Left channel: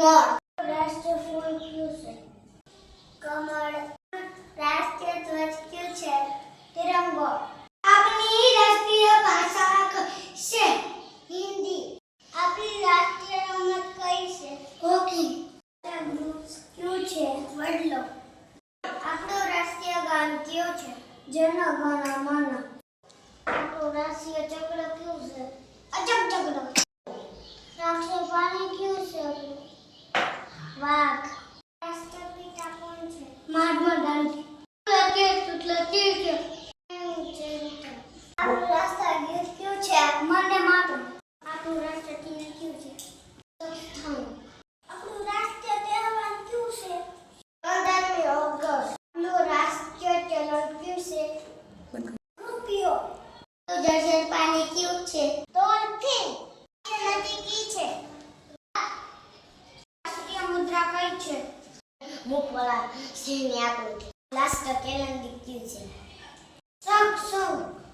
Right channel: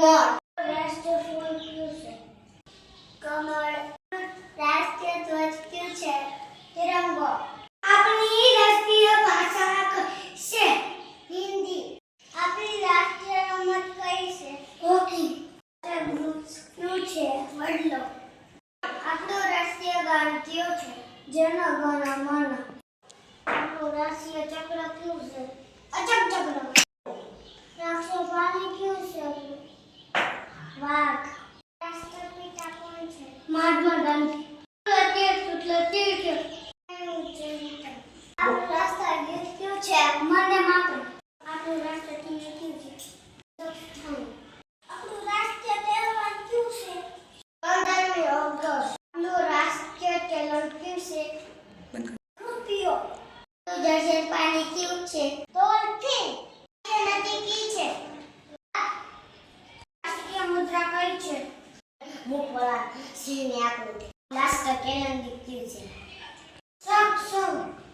મોર. રાષ્ટ્રીય ફૂલ કયું છે? કમળ. રાષ્ટ્રીય ધ્વજ કયું છે? તિરંગો. આપણી રાષ્ટ્રીય ભાષા કઈ છે? હિન્દી. આપણી રાષ્ટ્રીય રમત કઈ છે? હોકી. કયું છે? વડલો. આપણું રાષ્ટ્રીય ગાન કયું છે? જન ગણ મન. આપણું રાષ્ટ્રીય ચક્ર કયું છે? અચક ચક્ર. રાષ્ટ્રીય પ્રાણી કયું છે? વાઘ. રાષ્ટ્રપિતા કોણ છે? મહાત્મા ગાંધી. આપણું રાષ્ટ્ર ગીત કયું છે? વંદે માતરમ. આપણું રાષ્ટ્ર ચિહ્ન કયું છે? સ્થાન. આપણું રાષ્ટ્રીય તહેવાર કયું છે? 15મી ઓગસ્ટ. આપણું રાષ્ટ્રીય ચલણ કયું છે? રૂપિયો. જળચર પ્રાણી કયું છે? ડોલ્ફિન. નદી કી છે? રાષ્ટ્રીય મુદ્રા કઈ છે? મુખવાળા સિંહની આકૃતિ. રાષ્ટ્ર કેલેન્ડર કયું છે? સંઘ.